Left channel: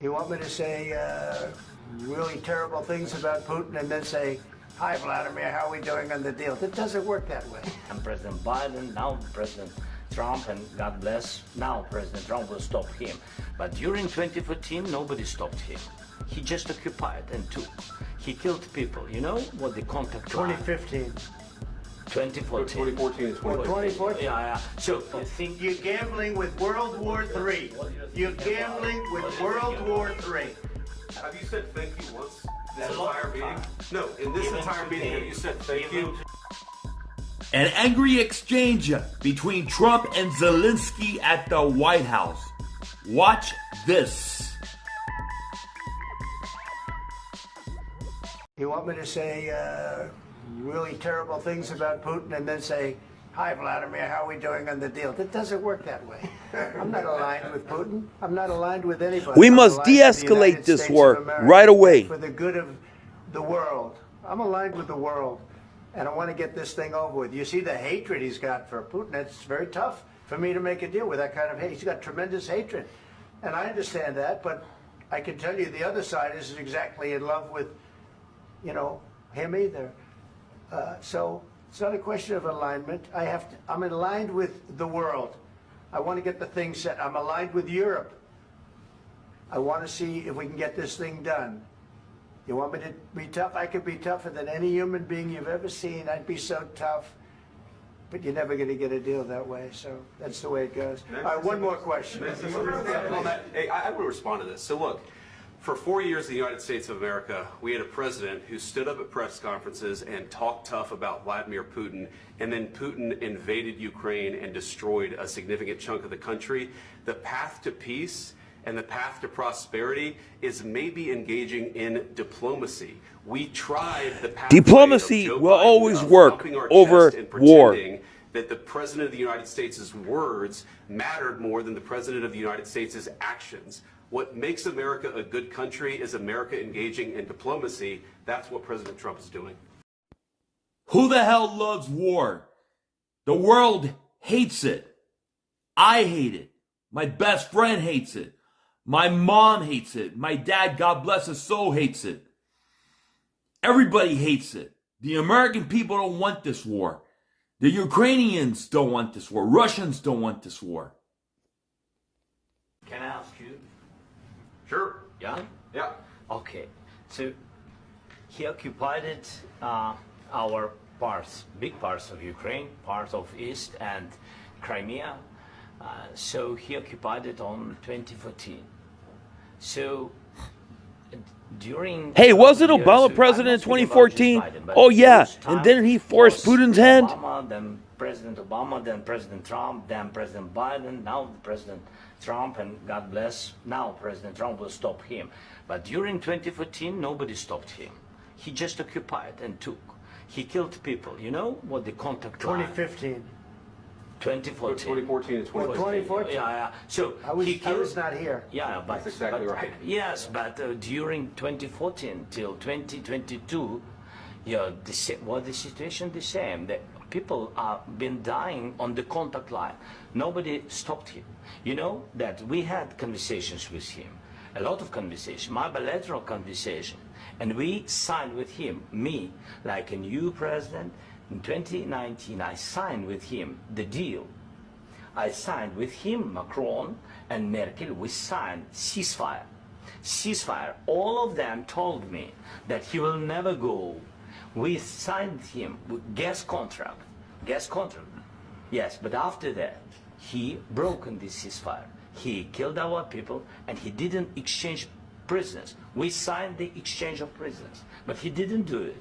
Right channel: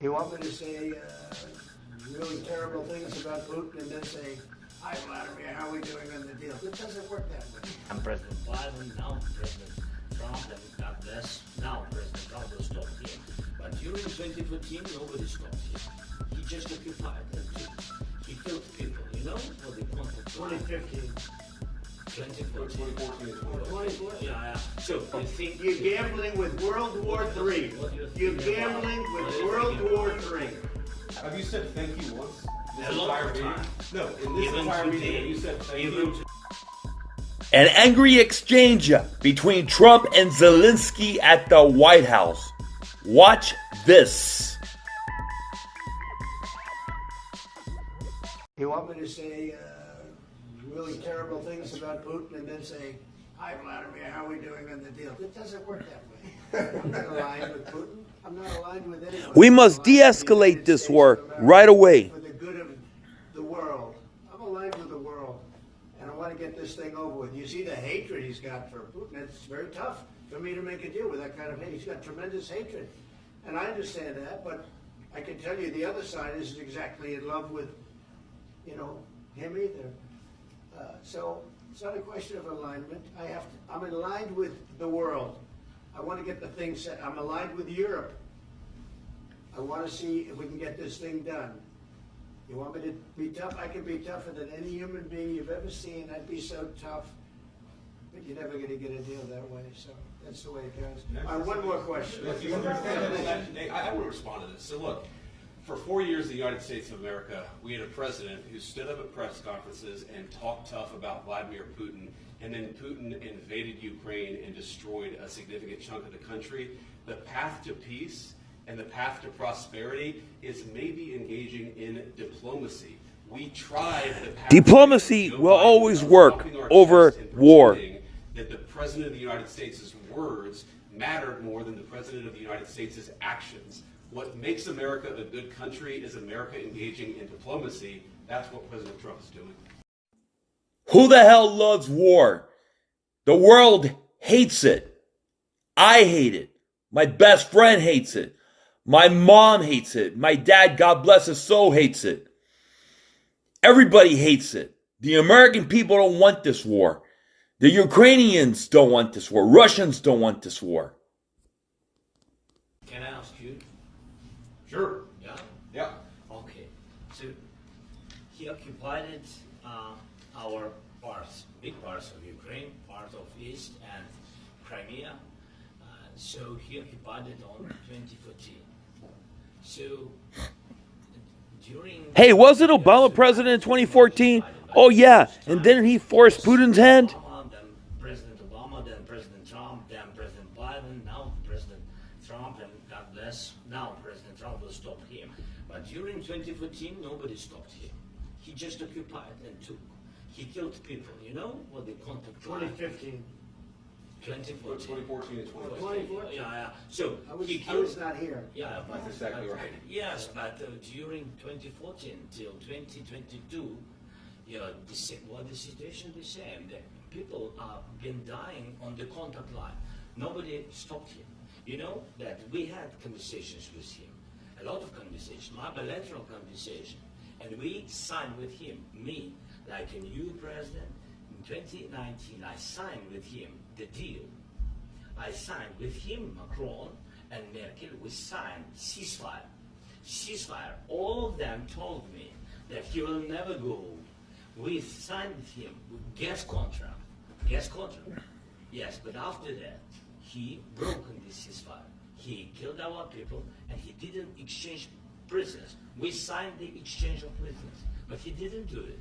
You want me to say really terrible things about Putin and then say, hi, Vladimir, how are we doing on the deal? It doesn't work that way. I'm President Biden, now President Trump, and God bless, now President Trump will stop him. But during 2014, nobody stopped him. He just occupied and took. He killed people. You know what the contact 2015. 2014. 2014 and 2014? Yeah. So you think you're gambling with World War III. You're gambling with World War III. Have you said thank you once? A lot of time. No, in this entire meeting, have you said thank you? An angry exchange between Trump and Zelensky at the White House. Watch this. You want me to say really terrible things about Putin and then say, hi, Vladimir, how are we doing on the deal? It doesn't work that way. I'm not aligned with Putin. I'm not aligned with anybody. We must de-escalate this war right away. For the good of the world. I'm aligned with the world. And I want to get this thing over with. You see the hatred he's got for Putin. It's very tough for me to make a deal with that kind of hate. He's got tremendous hatred. And I understand that, but I can tell you the other side isn't exactly in love with, him either. So it's not a question of alignment. I'm aligned with the world. I want to get the thing set. I'm aligned with Europe. I want to see if we can get this thing done. You want me to be tough? I could be tougher than any human being you've ever seen. I'd be so tough. But you're never going to get a deal that way. So that's the way it goes. All right, one more question. I want to respond to this. So look, for 4 years in the United States of America, we had a president who stood up at press conferences and talked tough about Vladimir Putin, and then Putin invaded Ukraine and destroyed a significant chunk of the country. The path to peace and the path to prosperity is maybe engaging in diplomacy. We tried the path. Diplomacy will always work over war. That the President of the United States' words mattered more than the President of the United States' actions. What makes America a good country is America engaging in diplomacy. That's what President Trump is doing. Who the hell loves war? The world hates it. I hate it. My best friend hates it. My mom hates it. My dad, God bless his soul, hates it. Everybody hates it. The American people don't want this war. The Ukrainians don't want this war. Russians don't want this war. Can I ask you? Sure. Yeah? Yeah. Okay. So he occupied our parts, big parts of Ukraine, part of East and Crimea. So he occupied it on 2014. So during... Hey, wasn't Obama president in 2014? Oh, yeah. And didn't he force Putin's hand? Then President Obama, then President Trump, then President Biden, now President Trump, and God bless, now President Trump will stop him. But during 2014, nobody stopped him. He just occupied and took. He killed people. You know what the contact 2015. 2014. 2014 and 2014. Yeah. So I was not here. Yeah, but that's exactly right. Yes, but during 2014 till 2022, the situation the same. The people have been dying on the contact line. Nobody stopped him. You know that we had conversations with him, a lot of conversation, my bilateral conversation, and we signed with him, me, like a new president. In 2019, I signed with him the deal. I signed with him, Macron and Merkel, we signed ceasefire. Ceasefire. All of them told me that he will never go. We signed with him with gas contract. Yes, but after that, he broken this ceasefire. He killed our people and he didn't exchange prisoners. We signed the exchange of prisoners, but he didn't do it.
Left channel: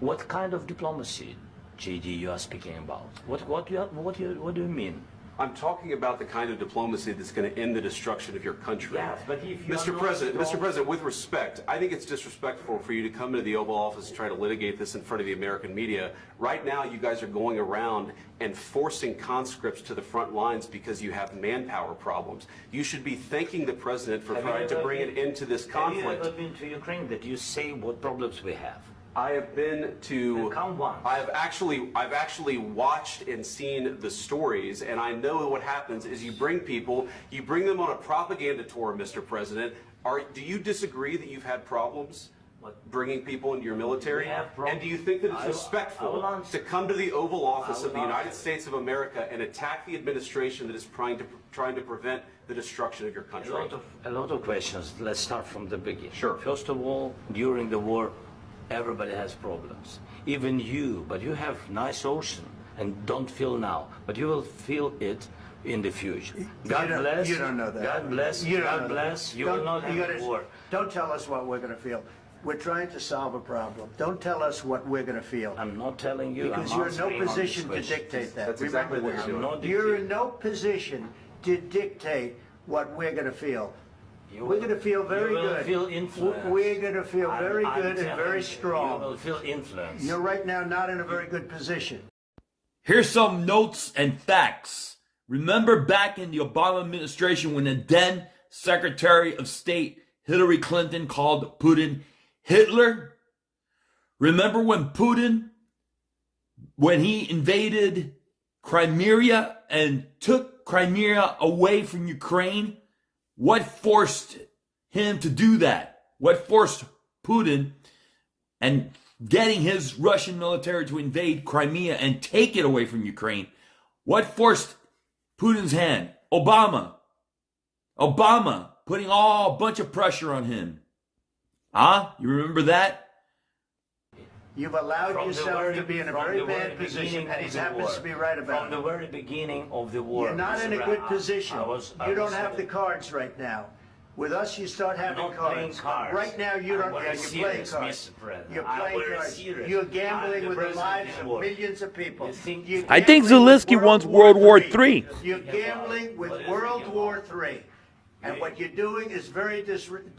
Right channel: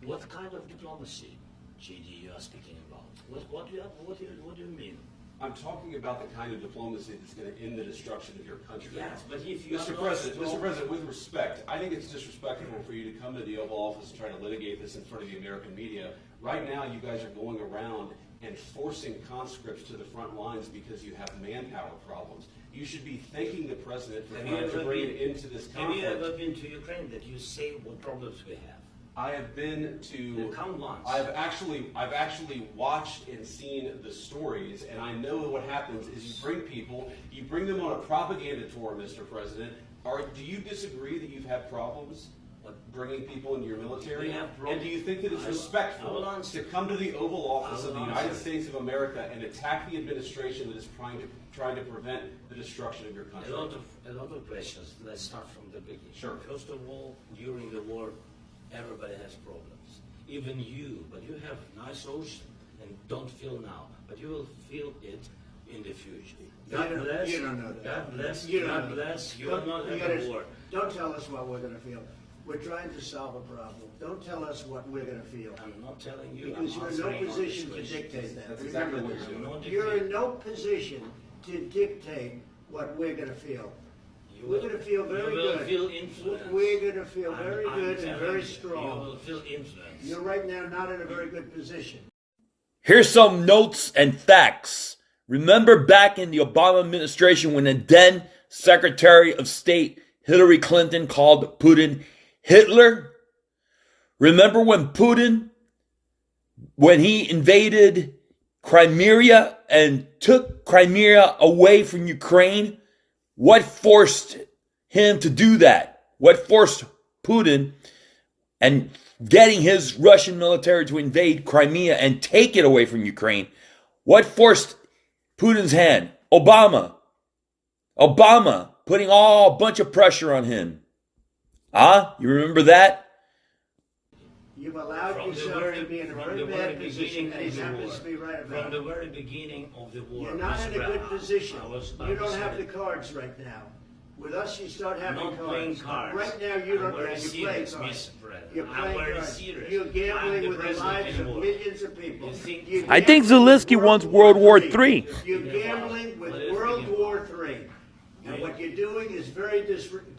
What kind of diplomacy, JD, you are speaking about? What do you mean? I'm talking about the kind of diplomacy that's going to end the destruction of your country. Yes, but if you Mr. President, with respect, I think it's disrespectful for you to come into the Oval Office and try to litigate this in front of the American media. Right now, you guys are going around and forcing conscripts to the front lines because you have manpower problems. You should be thanking the President for trying to bring it into this conflict. Have you ever been to Ukraine that you say what problems we have? I have been to. Count once. I've actually watched and seen the stories, and I know what happens is you bring them on a propaganda tour, Mr. President. Do you disagree that you've had problems bringing people into your military? And do you think that it's respectful to come to the Oval Office of the United States of America and attack the administration that is trying to prevent the destruction of your country? A lot of questions. Let's start from the beginning. Sure. First of all, during the war, everybody has problems. Even you, but you have nice ocean and don't feel now, but you will feel it in the future. God bless. You don't know that. God bless. You don't God know bless. that. You will not have a war. Don't tell us what we're going to feel. We're trying to solve a problem. Don't tell us what we're going to feel. I'm not telling you. Because I'm you're in no answering on this position to question. dictate that. That's Remember exactly what this. you're doing. You're in no position to dictate what we're going to feel. We're going to feel very You will good. feel influenced. We're going to feel I'm very good and telling very you, strong. You will feel influenced. You're right now not in a very good position. Here's some notes and facts. Remember back in the Obama administration when the then Secretary of State Hillary Clinton called Putin Hitler? Remember when Putin, when he invaded Crimea and took Crimea away from Ukraine? What forced him to do that? What forced Putin and getting his Russian military to invade Crimea and take it away from Ukraine? What forced Putin's hand? Obama. Obama putting a bunch of pressure on him. You remember that? You've allowed yourself to be in a very bad position, and he happens to be right about it. From the very beginning of the war. You're not Mr. in a Brown, good position. I You don't was have the cards right now. With us, you start having not cards. playing cards. Right now, you don't. I'm very You're playing serious, cards. Mr. President. You're I'm playing very cards. serious. You're I'm gambling the with the president lives in of war. millions of people. You think- You're I think gambling with Zelensky wants World World War III. III. You're gambling with What is World the War III. And what you're doing is very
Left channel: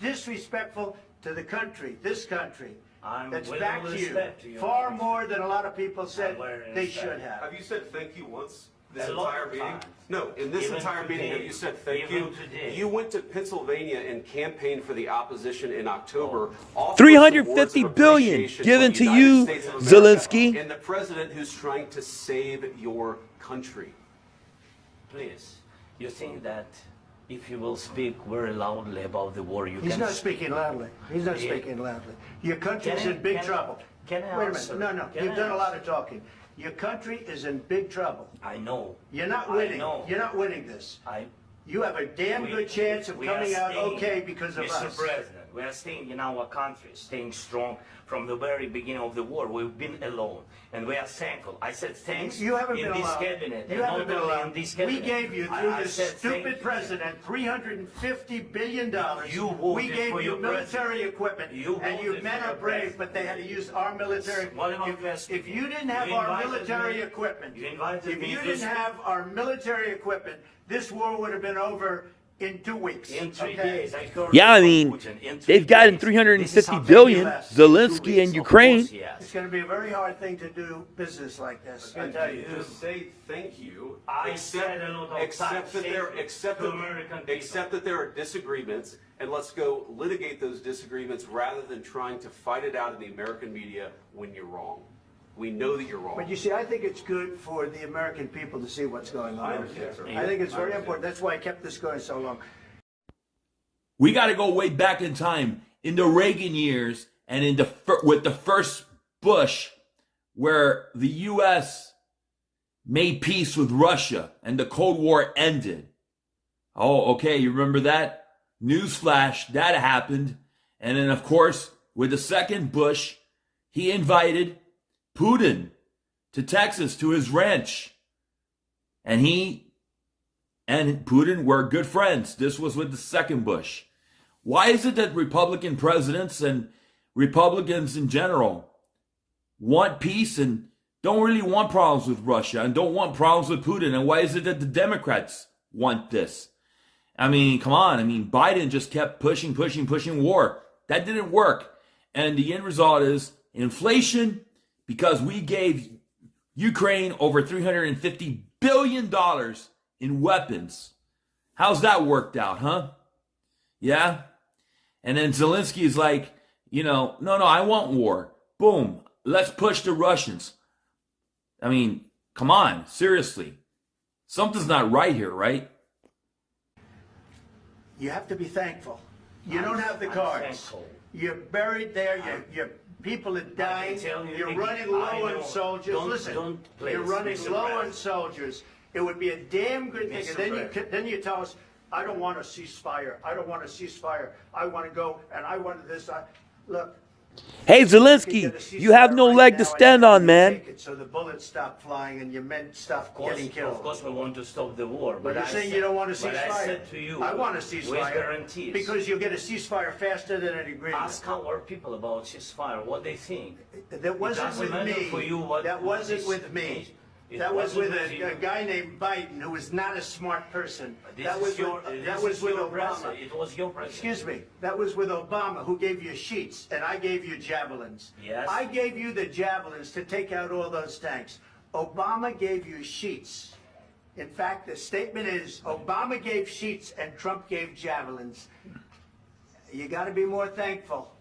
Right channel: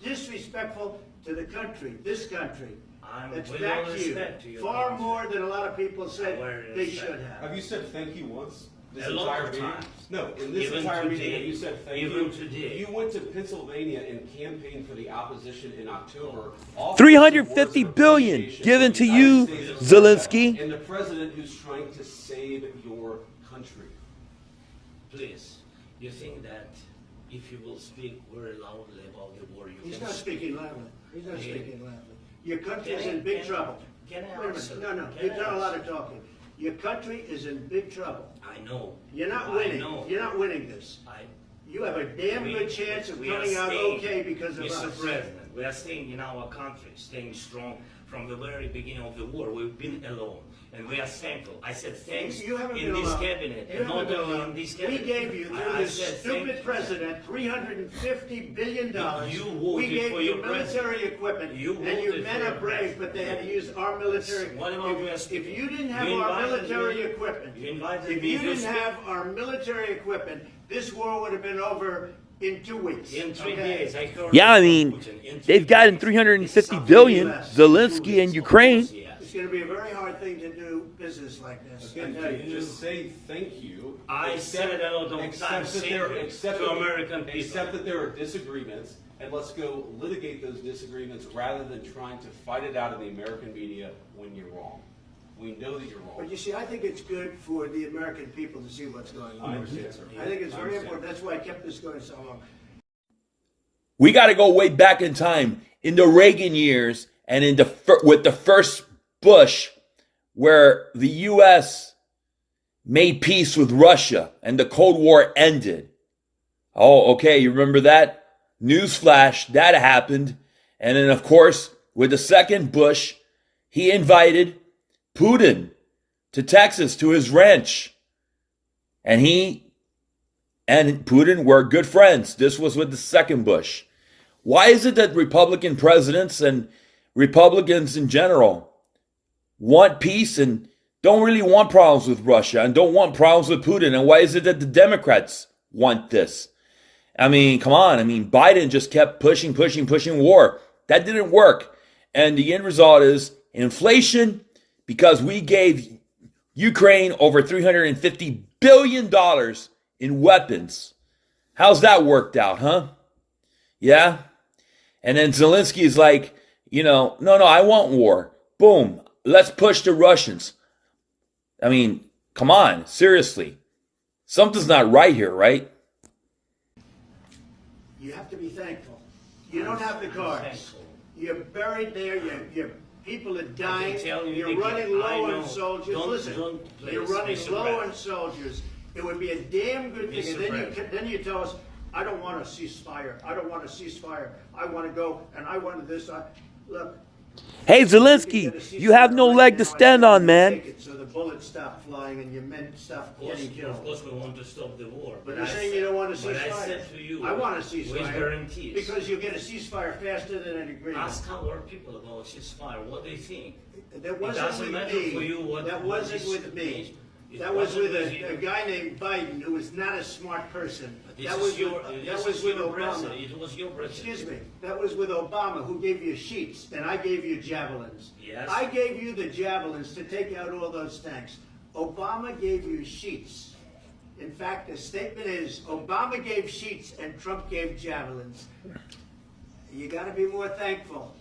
disrespectful to the country, this country. I'm That's with back all to you. respect to your Far country. more than a lot of people said very they respect. should have. Have you said thank you once? This A lot entire of meeting? times. No, in this Even entire meeting, today. have you said thank Even you? today. You went to Pennsylvania and campaigned for the opposition in October. Oh. offering $350 awards of billion appreciation given for to the United you, States of America Zelensky. And the president who's trying to save your country. Please, you think that if you will speak very loudly about the war, you He's can... not speaking loudly. He's not Yeah. speaking loudly. Your country's Can I- in big can I- trouble. can I Wait a answer? minute. No, Can you've I done a lot answer? of talking. Your country is in big trouble. I know. You're not I winning. know. You're not winning this. You have a damn good chance of we are coming out staying, okay because of Mr. us. President, we are staying in our country, staying strong from the very beginning of the war. We've been alone, and we are thankful. I said thanks You haven't in been this alone. cabinet, You and haven't not been only alone. in this We cabinet. gave you, through I this said thank stupid you. president, $350 billion. You voted we gave for you your military president. equipment, You and you voted men for are your brave, president. but they had to use our military. What about we are If speaking? you didn't have You our invited military me- equipment, you invited if me you to didn't speak. have our military equipment, this war would have been over in 2 weeks. In 3 okay? days, I heard Yeah, I from mean, Putin. In 3 they've gotten days. $350 This is how billion, less. Zelensky and Of Ukraine. course, yes. It's going to be a very hard thing to do business like this. I Again, tell you. just say thank you. I said a lot of times, that there, thank you except to that- American people. Except that there are disagreements, and let's go litigate those disagreements rather than trying to fight it out in the American media when you're wrong. We know that you're wrong. But you see, I think it's good for the American people to see what's going on. I understand, sir. I think it's I very understand. important. That's why I kept this going so long. We got to go way back in time in the Reagan years and with the first Bush, where the U.S. made peace with Russia and the Cold War ended. Oh, okay, you remember that? Newsflash, that happened. And then, of course, with the second Bush, he invited Putin to Texas, to his ranch. And he and Putin were good friends. This was with the second Bush. Why is it that Republican presidents and Republicans in general want peace and don't really want problems with Russia and don't want problems with Putin? And why is it that the Democrats want this? I mean, come on. I mean, Biden just kept pushing war. That didn't work. And the end result is inflation, because we gave Ukraine over $350 billion in weapons. How's that worked out, huh? Yeah? And then Zelensky is like, no, I want war. boom, let's push the Russians. I mean, come on, seriously. Something's not right here, right? You have to be thankful. You don't have the cards. Thankful. You're buried there. Your people are dying. You're again, running low on soldiers. Listen, you're running Mr. low on President. soldiers. It would be a damn good thing. Mr. And then you tell us, I don't want a ceasefire. I don't want a ceasefire. I want to go and I want this. Look. Hey, You Zelensky, can get a you have no ceasefire leg right to now, stand and on, man. take it so the bullets stop flying and your men stop getting Of killed. course, we want to stop the war. But you're I saying said- you don't want a But ceasefire. I said to you, I want a ceasefire. with guarantees. Because you'll get a ceasefire faster than an agreement. Ask our people about ceasefire, what they think. That wasn't doesn't with matter me. for you what- That what wasn't this with me. means. It That was wasn't with with you. a guy named Biden who was not a smart person. This That is was your, with, this that is was with your Obama. president. It was your president. Excuse me. That was with Obama, who gave you sheets, and I gave you javelins. Yes. I gave you the javelins to take out all those tanks. Obama gave you sheets. In fact, the statement is Obama gave sheets and Trump gave javelins. You got to be more thankful,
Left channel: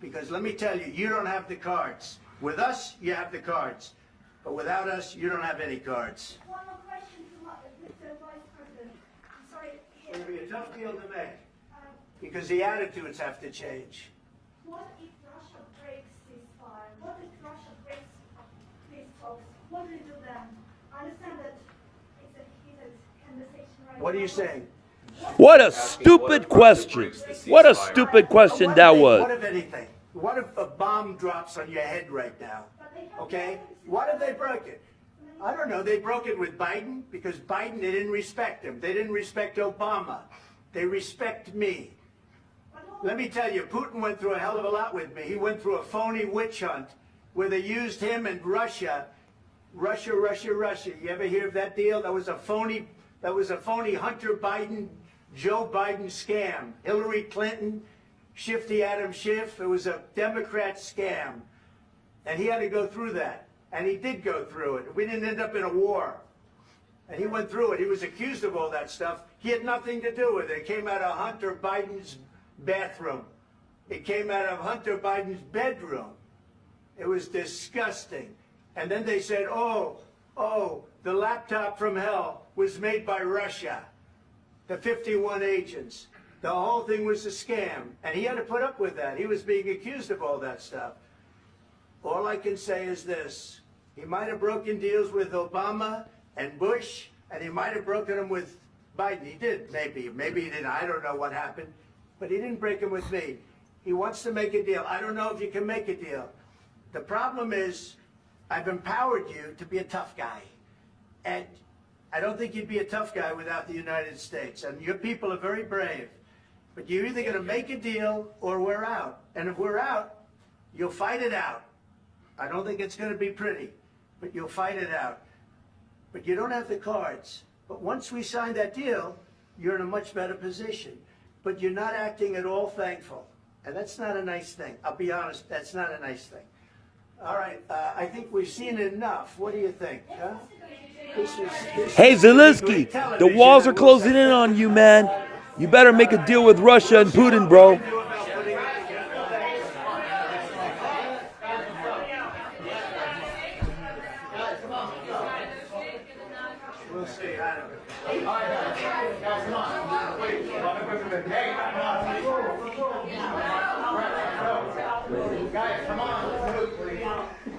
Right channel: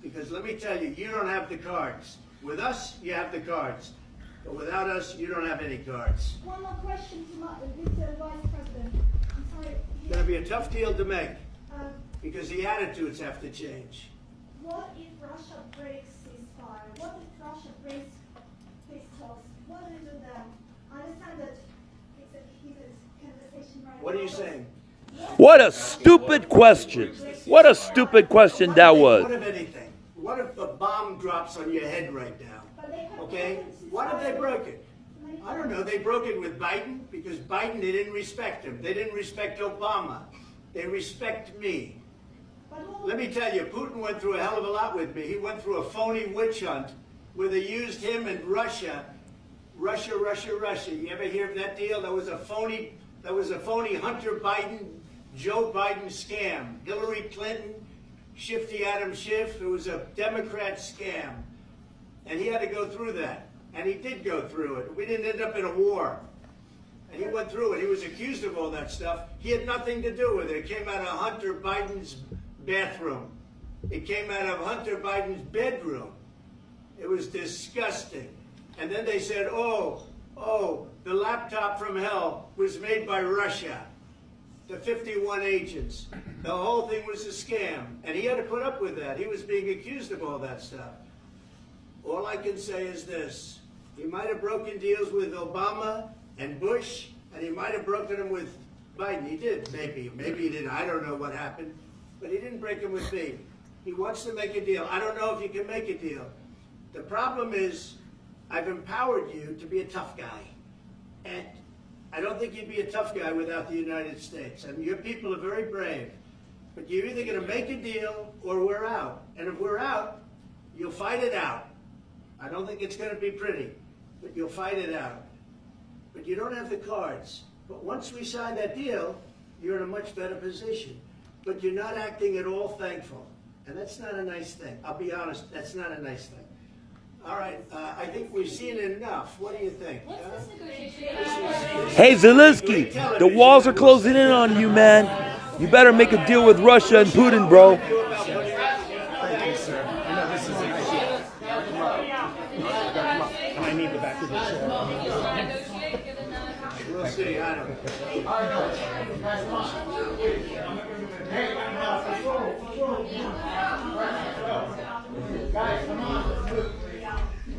because let me tell you, you don't have the cards. With us, you have the cards. But without us, you don't have any cards. One more question to this Vice President. I'm sorry. It's going to be a tough deal to make, Um, because the attitudes have to change. what if Russia breaks ceasefire? What if Russia breaks peace talks? What do you do then? I understand that it's a heated conversation right now. What are you saying? What a stupid question. What a stupid question What that if was. What if anything? What if a bomb drops on your head right now? But they have Okay? broken What if they ceasefire broke it? many I don't know. They broke it with Biden because Biden, they didn't respect him. They didn't respect Obama. They respect me. But what Let me tell you, Putin went through a hell of a lot with me. He went through a phony witch hunt where they used him and Russia. Russia. You ever hear of that deal? That was a phony Hunter Biden, Joe Biden scam. Hillary Clinton, Shifty Adam Schiff. It was a Democrat scam. And he had to go through that. And he did go through it. We didn't end up in a war. And he went through it. He was accused of all that stuff. He had nothing to do with it. It came out of Hunter Biden's bathroom. It came out of Hunter Biden's bedroom. It was disgusting. And then they said, oh, the laptop from hell was made by Russia. The 51 agents. The whole thing was a scam. And he had to put up with that. He was being accused of all that stuff. All I can say is this. He might have broken deals with Obama and Bush, and he might have broken them with Biden. He did, maybe. Maybe he didn't. I don't know what happened. But he didn't break them with me. He wants to make a deal. I don't know if you can make a deal. The problem is I've empowered you to be a tough guy. And I don't think you'd be a tough guy without the United States. And your people are very brave. But you're either going to make a deal or we're out. And if we're out, you'll fight it out. I don't think it's going to be pretty, but you'll fight it out. But you don't have the cards. But once we sign that deal, you're in a much better position. But you're not acting at all thankful. And that's not a nice thing. I'll be honest, that's not a nice thing. All right, I think we've seen enough. What do you think? Huh? Hey, Zelensky, the walls are closing in on you, man. You better make a deal with Russia and Putin, bro. We'll see. I don't know. Guys, come on.